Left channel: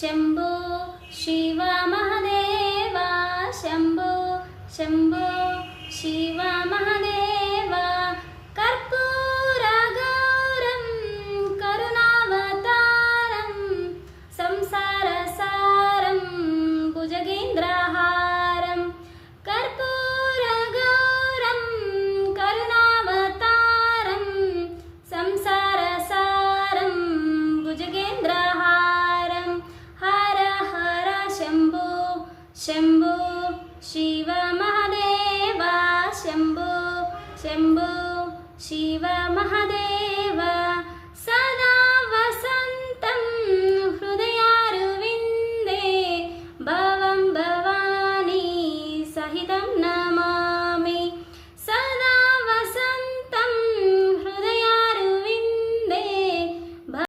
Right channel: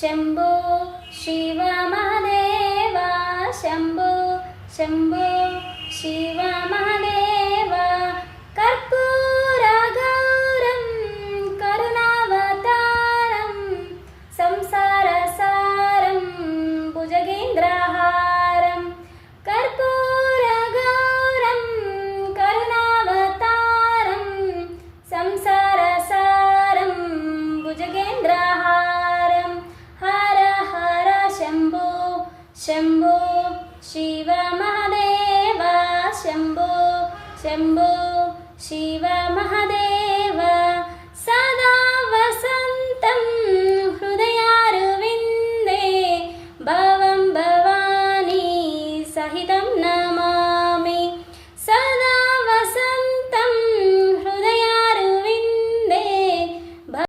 Shambho Shiv Mahadev Shambho Shambho Shiv Mahadev कर्पूरगौरं करुणावतारं संसारसारं भुजगेन्द्रहारं कर्पूरगौरं करुणावतारं संसारसारं भुजगेन्द्रहारं हर हर Shambho Shambho Shiv Mahadev Shambho Shambho Shiv Mahadev